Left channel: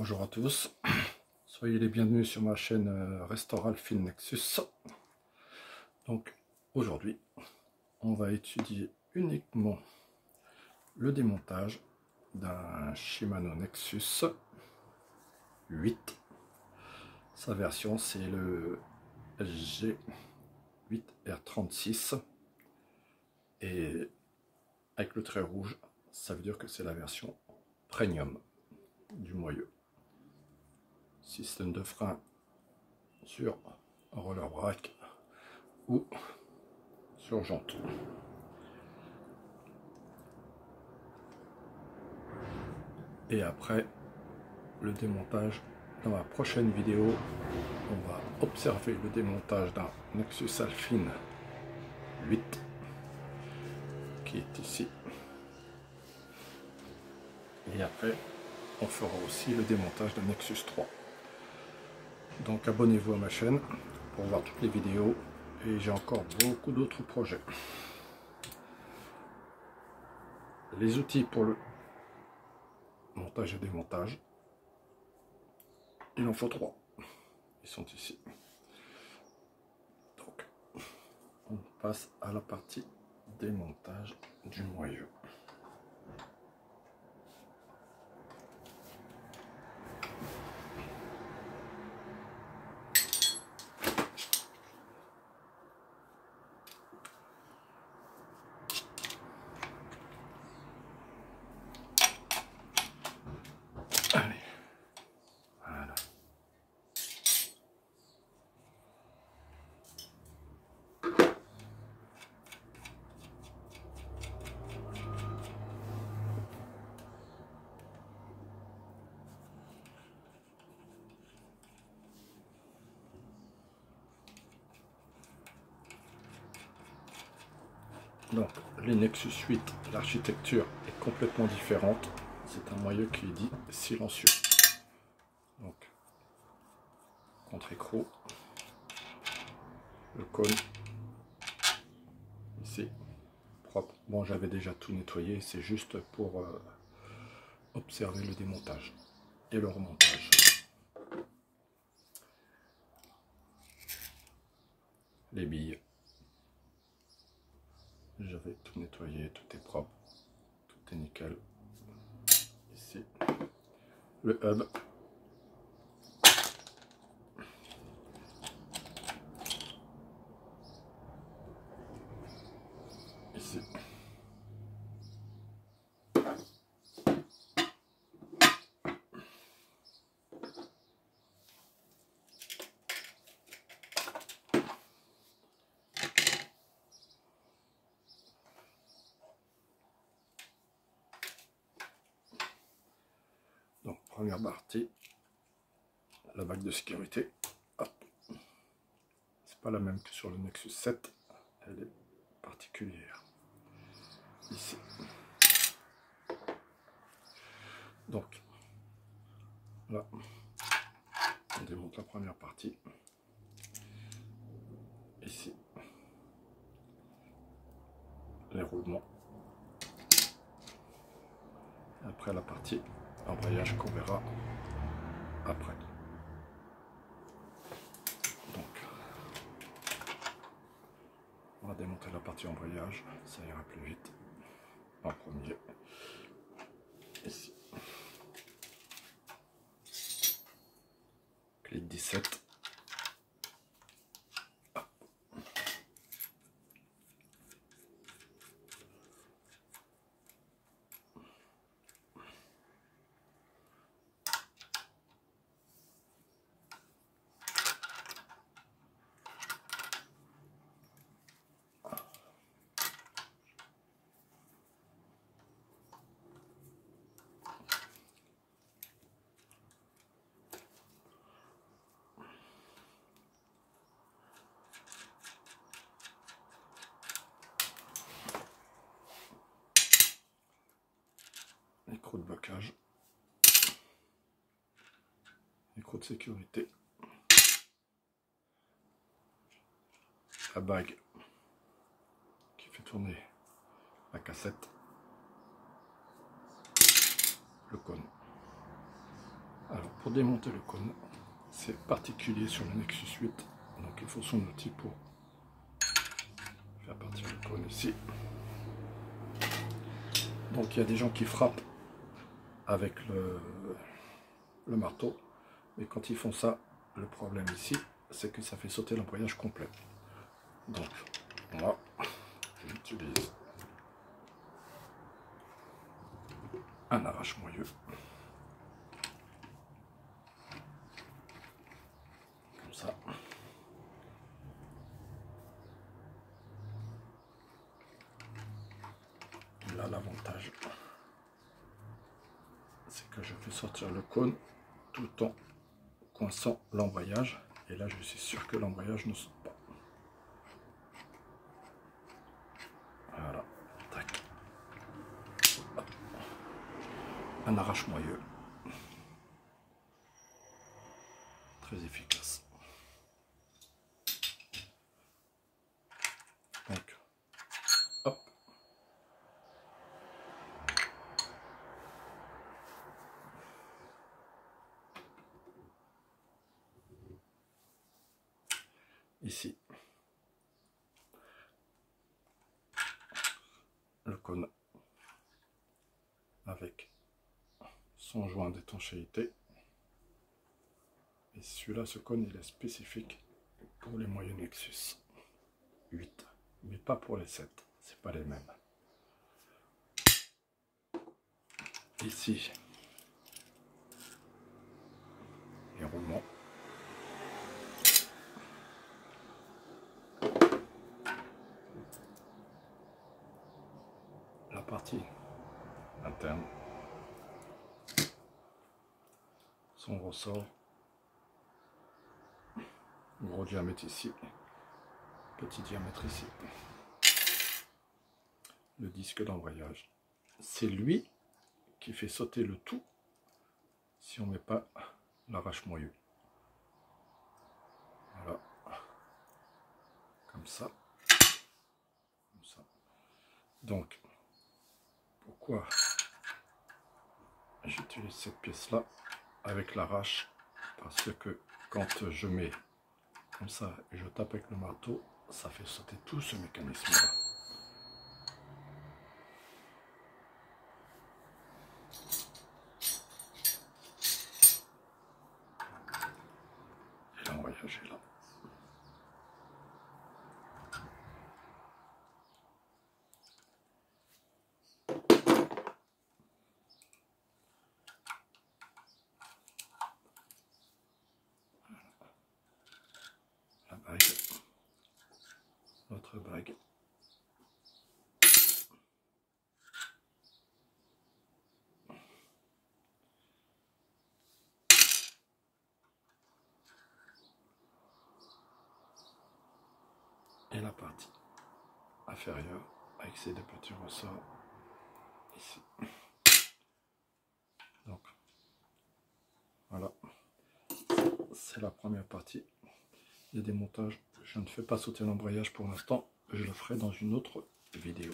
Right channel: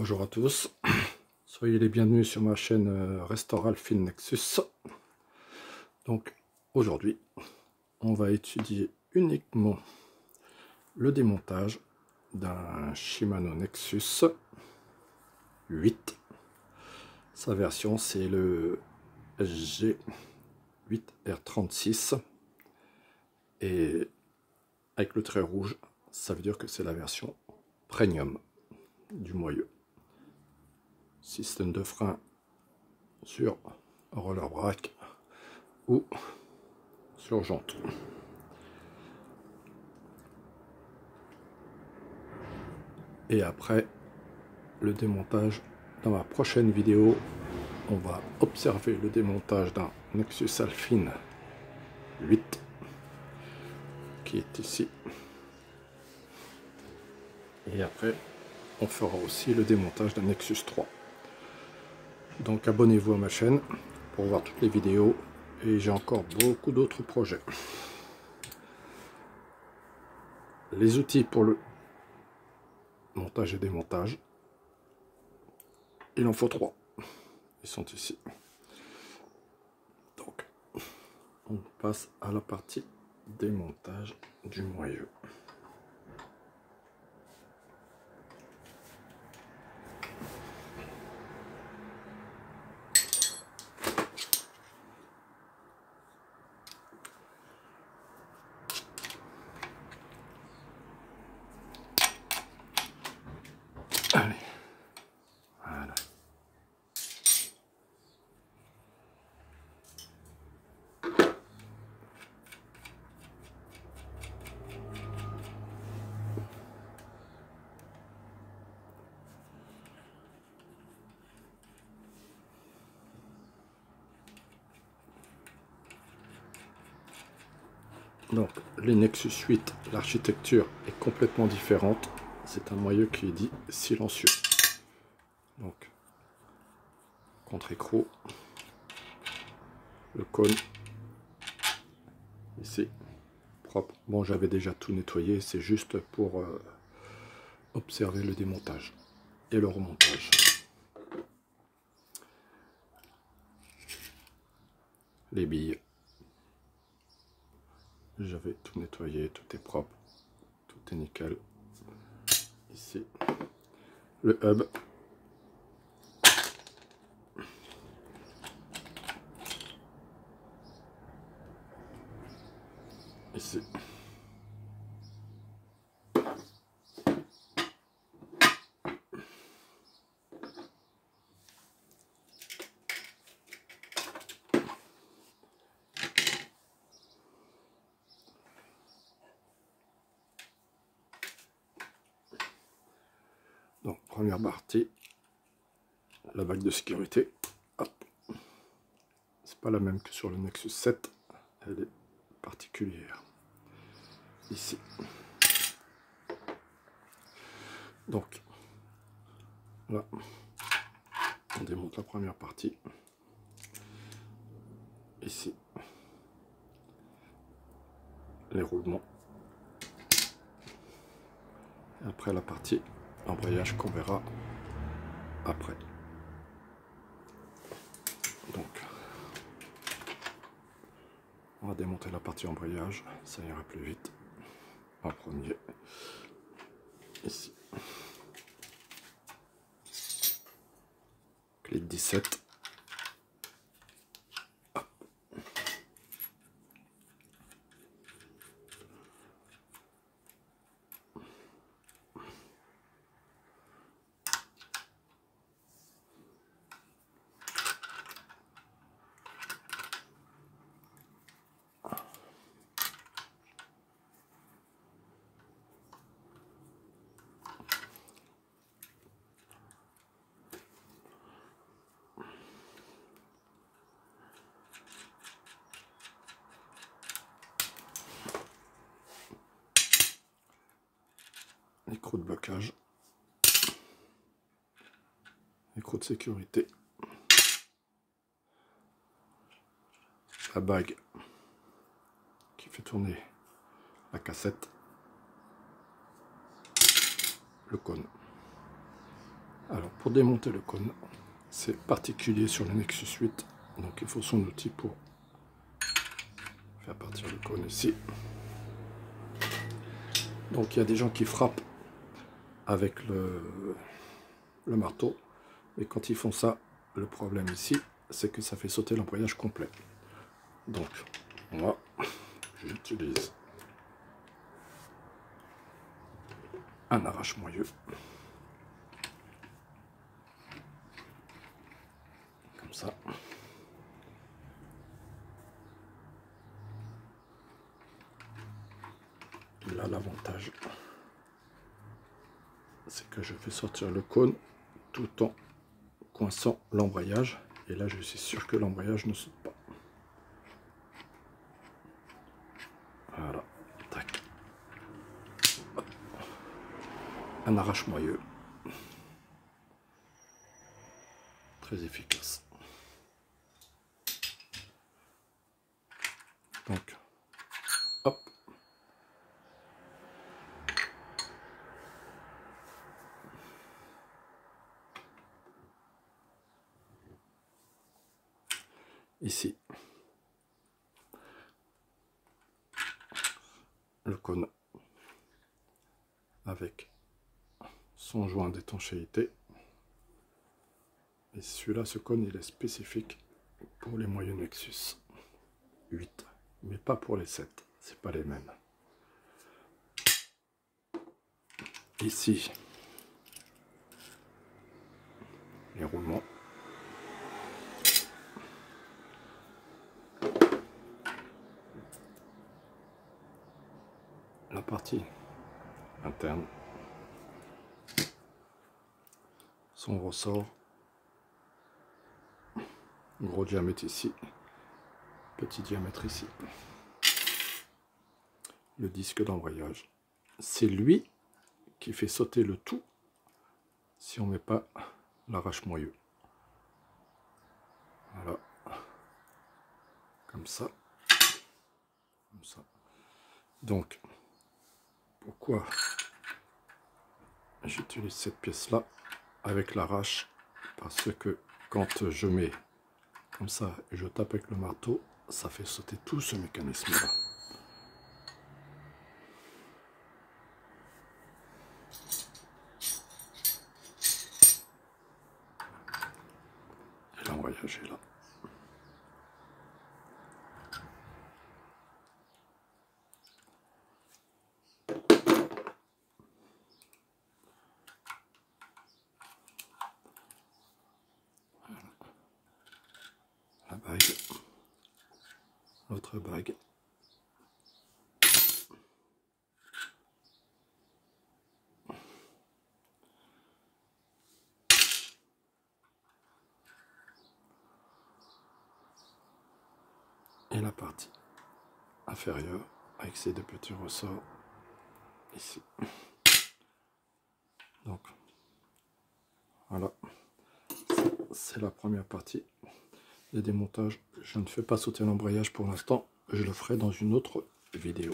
Bonjour à tous, soyez les bienvenus sur ma chaîne Restore Alfin Nexus. Donc aujourd'hui, on va étudier uniquement le démontage d'un Shimano Nexus 8. Sa version c'est le SG8R36 et avec le trait rouge, ça veut dire que c'est la version premium du moyeu. Système de frein sur roller brake ou sur jante. Et après le démontage, dans la prochaine vidéo, on va observer le démontage d'un Nexus Alfin 8 qui est ici. Et après, on fera aussi le démontage d'un Nexus 3. Donc abonnez-vous à ma chaîne pour voir toutes les vidéos et j'ai encore beaucoup d'autres projets. Les outils pour le montage et démontage, il en faut 3. Ils sont ici. Donc on passe à la partie démontage du moyeu. Allez, voilà. Donc les Nexus 8, l'architecture est complètement différente. C'est un moyeu qui est dit silencieux. Donc contre-écrou, le cône ici propre. Bon, j'avais déjà tout nettoyé, c'est juste pour observer le démontage et le remontage. Les billes, j'avais tout nettoyé, tout est propre, tout est nickel. Ici le hub, ici donc première partie, la bague de sécurité. C'est pas la même que sur le Nexus 7, elle est particulière ici. Donc là on démonte la première partie ici, les roulements, après la partie embrayage qu'on verra après. Donc on va démonter la partie embrayage, ça ira plus vite en premier. Ici clé de 17. Écrou de blocage, écrou de sécurité, la bague qui fait tourner la cassette, le cône. Alors pour démonter le cône, c'est particulier sur le Nexus 8, donc il faut son outil pour faire partir le cône ici. Donc il y a des gens qui frappent avec le marteau, mais quand ils font ça, le problème ici, c'est que ça fait sauter l'embrayage complet. Donc moi, j'utilise un arrache-moyeu. Comme ça. Là, l'avantage, c'est que je fais sortir le cône tout en coinçant l'embrayage. Et là, je suis sûr que l'embrayage ne saute pas. Voilà. Tac. Hop. Un arrache-moyeu. Très efficace. Donc, hop. Ici, le cône avec son joint d'étanchéité. Et celui-là, ce cône, il est spécifique pour les moyeux Nexus 8, mais pas pour les 7, c'est pas les mêmes. Ici, les roulements. La partie interne, son ressort, gros diamètre ici, petit diamètre ici. Le disque d'embrayage, c'est lui qui fait sauter le tout si on ne met pas l'arrache-moyeu. Voilà, comme ça, comme ça. Donc, pourquoi j'utilise cette pièce-là avec l'arrache? Parce que quand je mets comme ça et je tape avec le marteau, ça fait sauter tout ce mécanisme-là. Et l'embrayage est là. La bague, l'autre bague. Et la partie inférieure avec ces deux petits ressorts ici. Donc voilà, c'est la première partie des démontages. Je ne fais pas sauter l'embrayage pour l'instant, je le ferai dans une autre vidéo.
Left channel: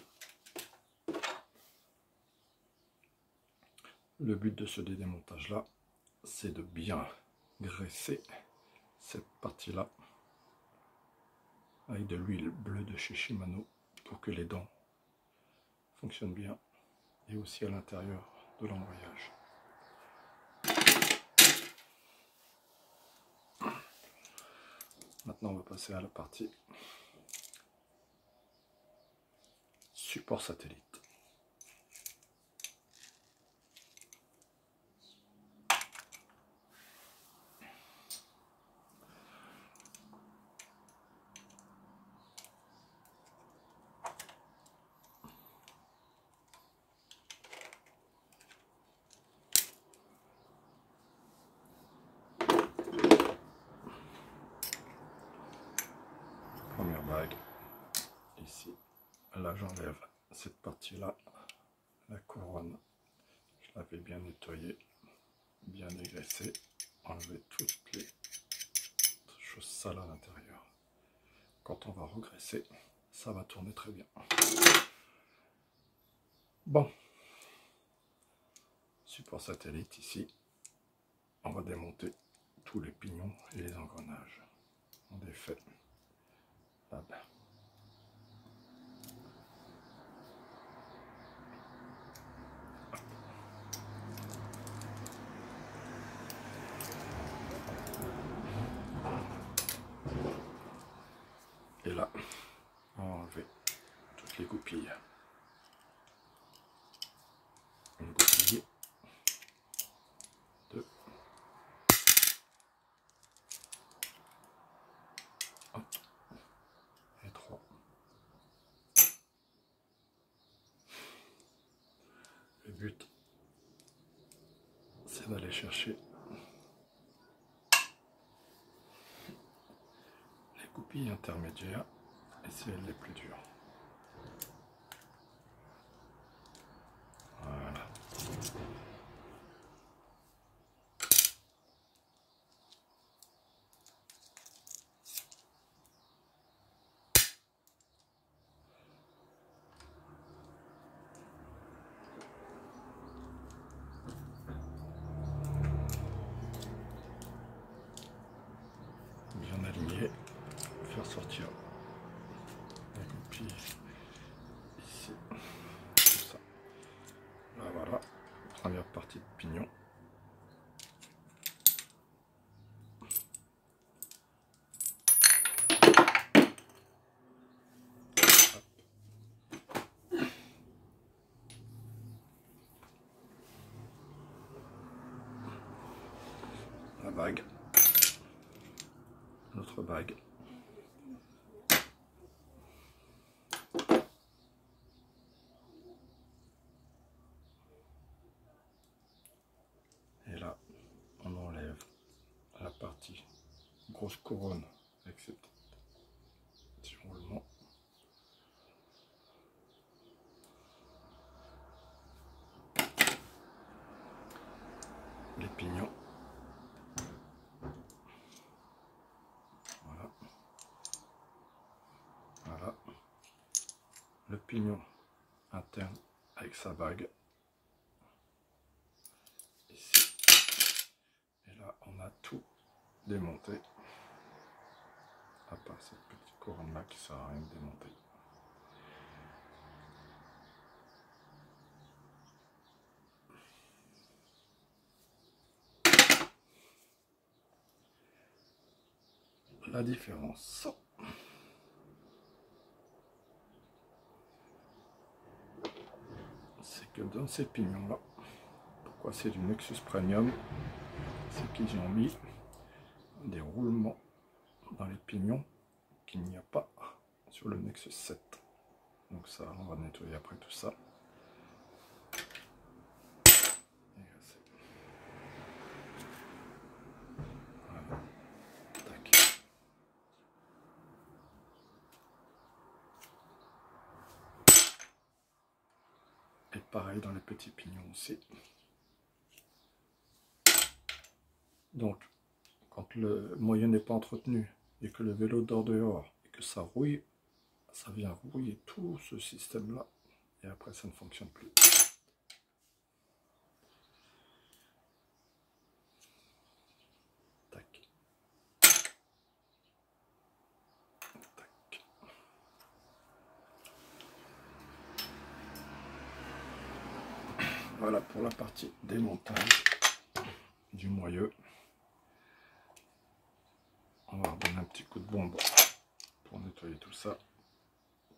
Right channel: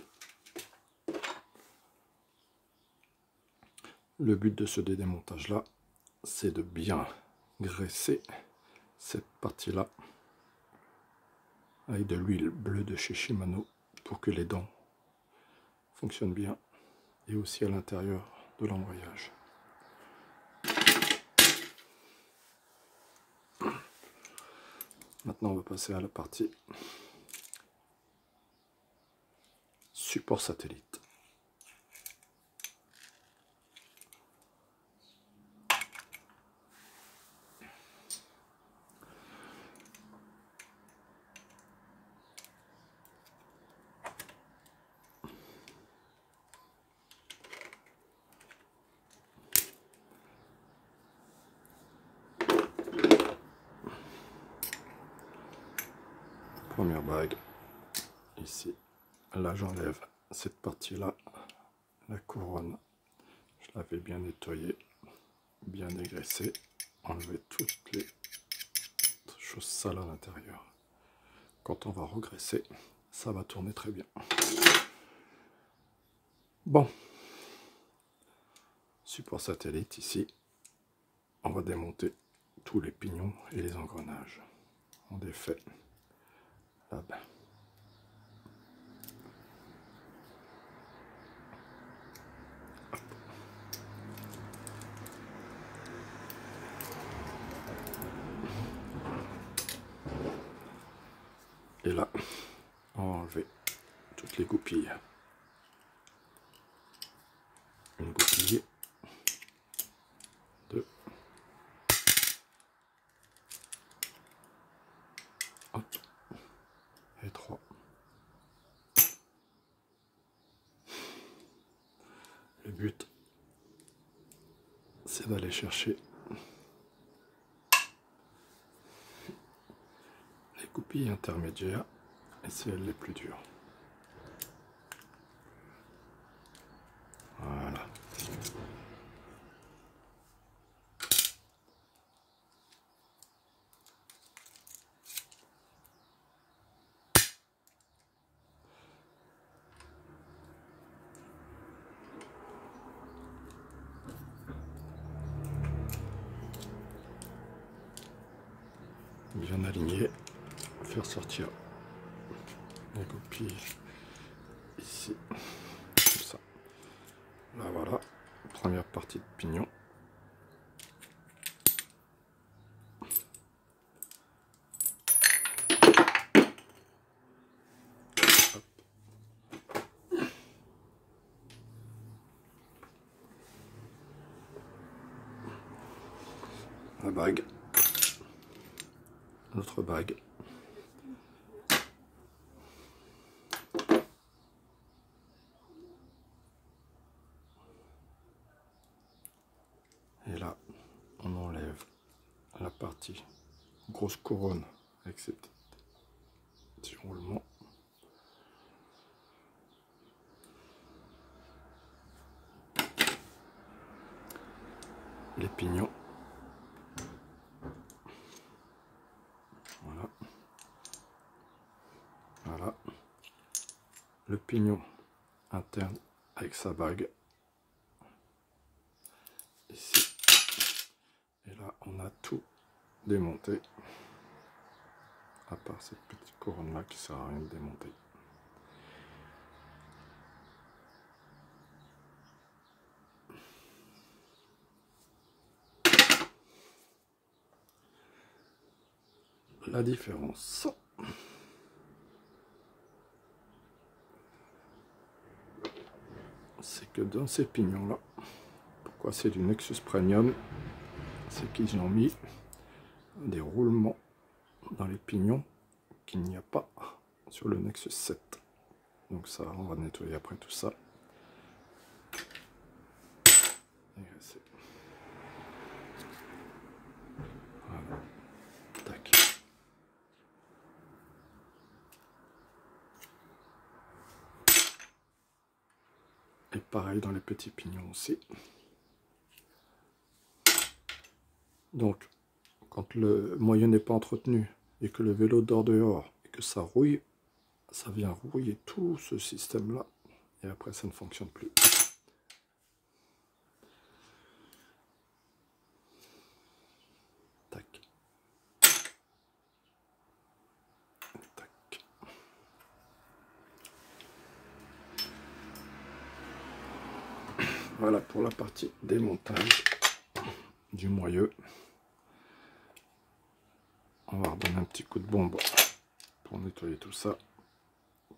Le but de ce démontage là, c'est de bien graisser cette partie là avec de l'huile bleue de chez Shimano pour que les dents fonctionnent bien, et aussi à l'intérieur de l'embrayage. Maintenant, on va passer à la partie support satellite. Première bague, ici, là j'enlève cette partie-là, la couronne, je l'avais bien nettoyée, bien dégraissée, enlever toutes les choses sales à l'intérieur. Quand on va regraisser, ça va tourner très bien. Bon, support satellite ici, on va démonter tous les pignons et les engrenages. On défait là-bas. Et là, on va enlever toutes les goupilles. Une goupille, deux, hop, et trois. Le but, c'est d'aller chercher les goupilles intermédiaires et c'est elles les plus dures. Voilà. Bien aligné, faire sortir les goupilles ici, comme ça. Là voilà, première partie de pignon. La bague, notre bague. Et là, on enlève la partie grosse couronne avec ces petits roulements. Les pignons. Voilà. Voilà. Le pignon interne avec sa bague. Ici. Et là, on a tout démonté. À part cette petite couronne là qui sert à rien de démonter. La différence, c'est que dans ces pignons là, pourquoi c'est du Nexus Premium, c'est qu'ils ont mis des roulements dans les pignons qu'il n'y a pas sur le Nexus 7. Donc ça, on va nettoyer après tout ça. Voilà. Tac. Et pareil dans les petits pignons aussi. Donc, quand le moyen n'est pas entretenu et que le vélo dort dehors et que ça rouille, ça vient rouiller tout ce système-là et après ça ne fonctionne plus. Tac. Tac. Voilà pour la partie démontage du moyeu. On va redonner un petit coup de bombe pour nettoyer tout ça,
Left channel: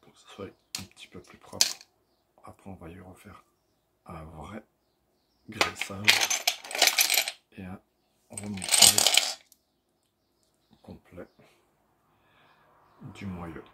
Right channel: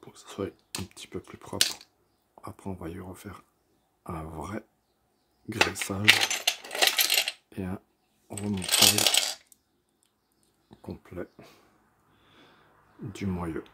pour que ce soit un petit peu plus propre. Après on va y refaire un vrai graissage et un remontage complet du moyeu.